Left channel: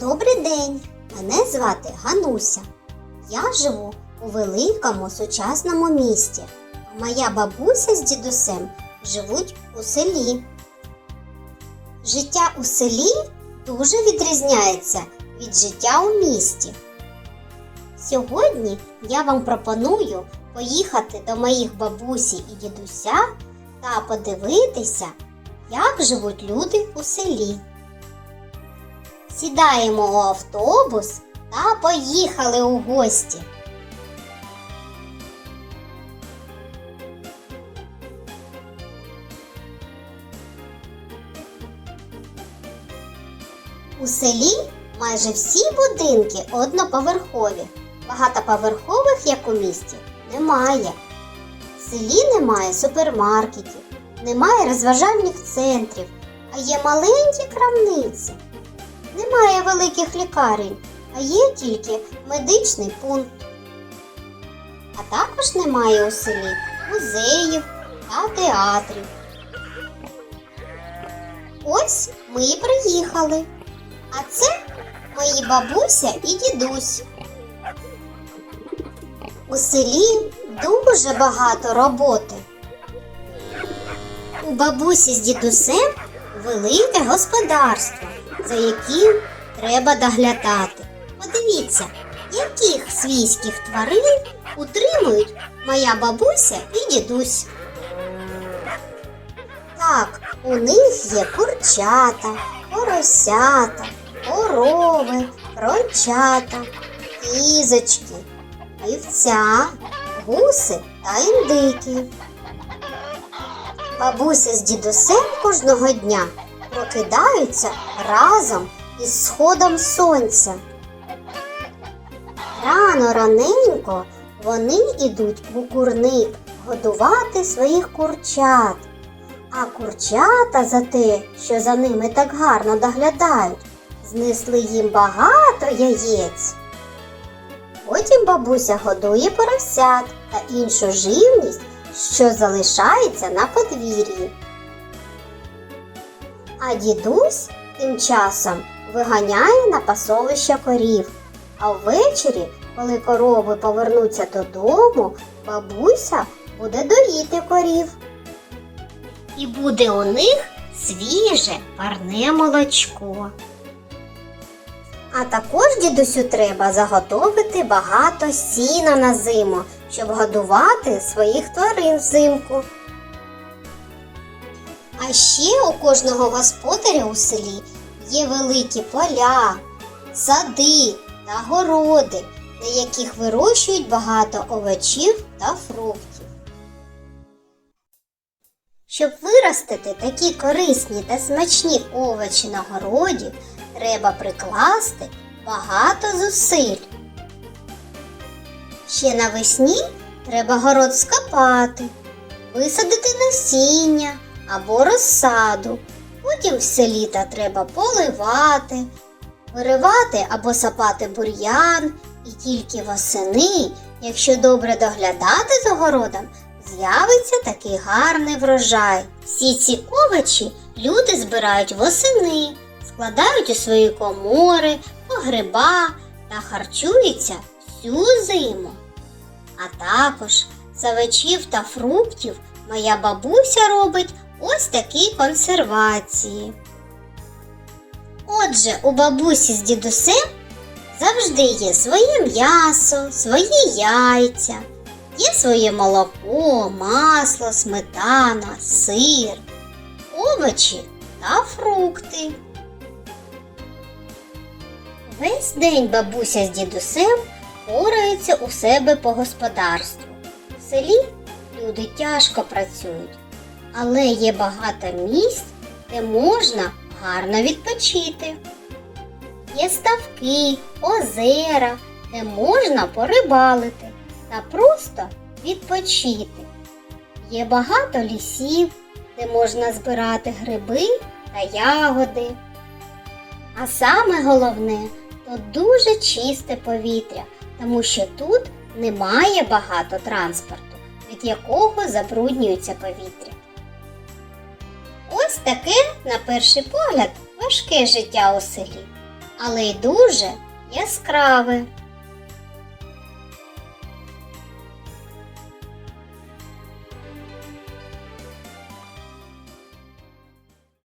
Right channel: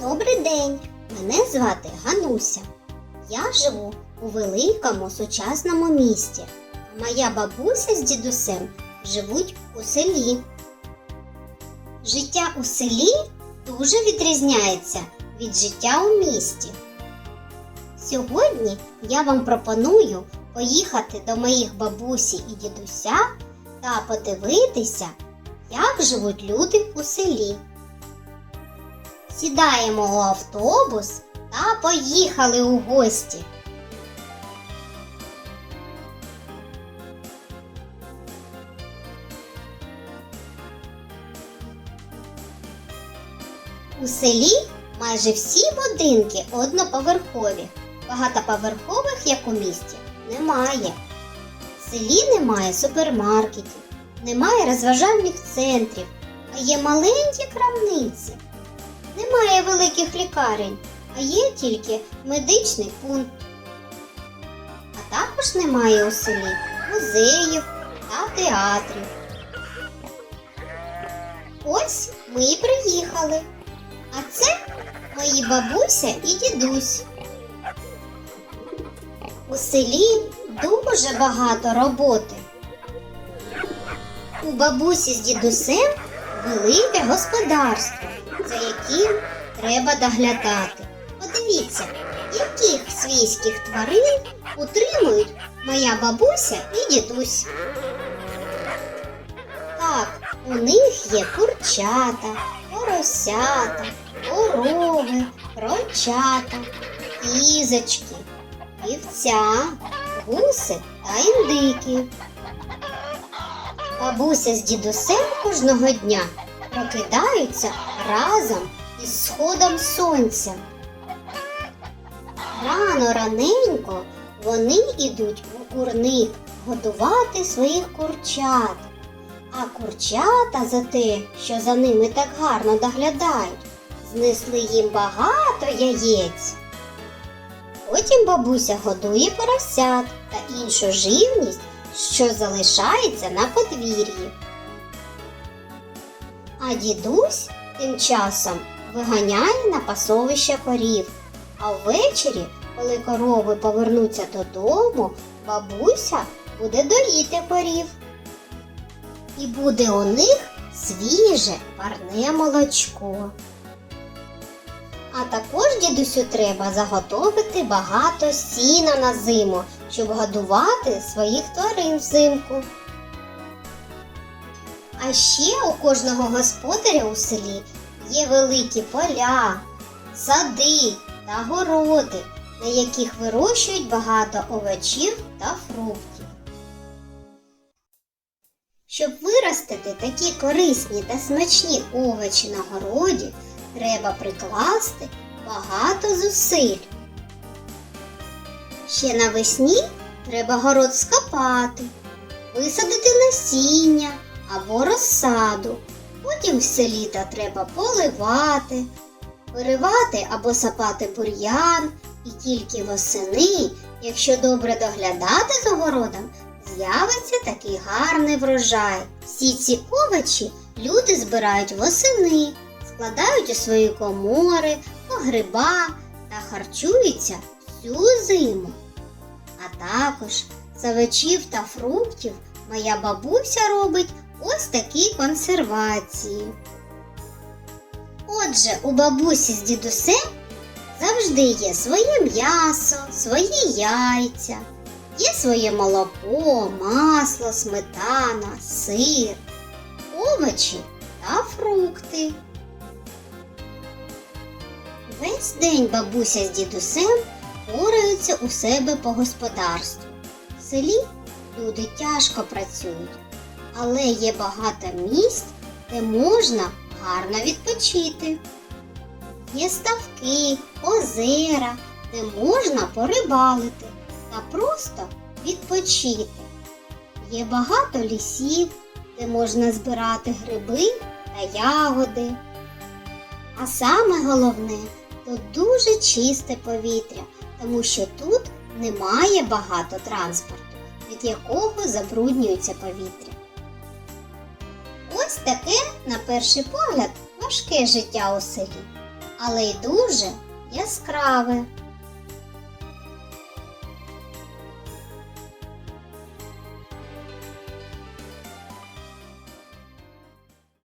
Добрий день! Мене звати Гануся. Я живу у великому сучасному місті. а Моя бабуся з дідусем живуть у селі. Життя у селі дуже відрізняється від життя у місті. Сьогодні я вам пропоную поїхати до моїх бабусі і дідуся та подивитися, як живуть люди у селі. Сідаємо у автобус та поїхали у гості. У селі майже всі будинки одноповерхові. Багатоповерхових, як у місті, немає. В селі немає супермаркетів, немає розважальних центрів, а є маленькі крамниці. Немає великих лікарень, а є тільки медичний пункт. А також немає у селі музеїв та театрів. Ось ми і приїхали. А це мої бабуся і дідусь. У селі дуже багато роботи. У бабусі з дідусем велике господарство, за яким треба доглядати. Подивіться, яких свійських тварин утримують моя бабуся і дідусь. Так, у них є курчата, поросята, корови, крочата, кізочки, вівця, гуси та індики. Бабуся з дідусем кожного дня прокидаються разом із сходом сонця. Рано раненько вони йдуть у курник годувати своїх курчат. А курчата за те, що за ними так гарно доглядають, знесли їм багато яєць. Потім бабуся годує поросят та іншу живність, що залишається на подвір'ї. А дідусь тим часом виганяє на пасовище корів. А ввечері, коли корови повернуться додому, бабуся буде доїти корів. І буде у них свіже парне молочко. А також дідусю треба заготовити багато сіна на зиму, щоб годувати своїх тварин взимку. А ще у кожного господаря у селі є великі поля, сади та городи, на яких вирощують багато овочів та фруктів. Щоб виростити такі корисні та смачні овочі на городі, треба прикласти багато зусиль. Ще навесні треба город скопати, висадити насіння або розсаду. Потім все літо треба поливати, виривати або сапати бур'ян, і тільки восени, якщо добре доглядати за городом, з'явиться такий гарний врожай. Всі ці овочі люди збирають восени, складають у свої комори, погреба та харчуються всю зиму. А також з овочів та фруктів моя бабуся робить ось такі консервації. Отже, у бабусі з дідусем завжди є своє м'ясо, свої яйця, є своє молоко, масло, сметана, сир, овочі та фрукти. Весь день бабуся з дідусем пораються у себе по господарству. В селі люди тяжко працюють, але є багато місць, де можна гарно відпочити. Є ставки, озера, де можна порибалити та просто відпочити. Є багато лісів, де можна збирати гриби та ягоди. А саме головне, тут дуже чисте повітря, тому що тут немає багато транспорту, від якого забруднюється повітря. Ось таке, на перший погляд, важке життя у селі. але й дуже яскраве.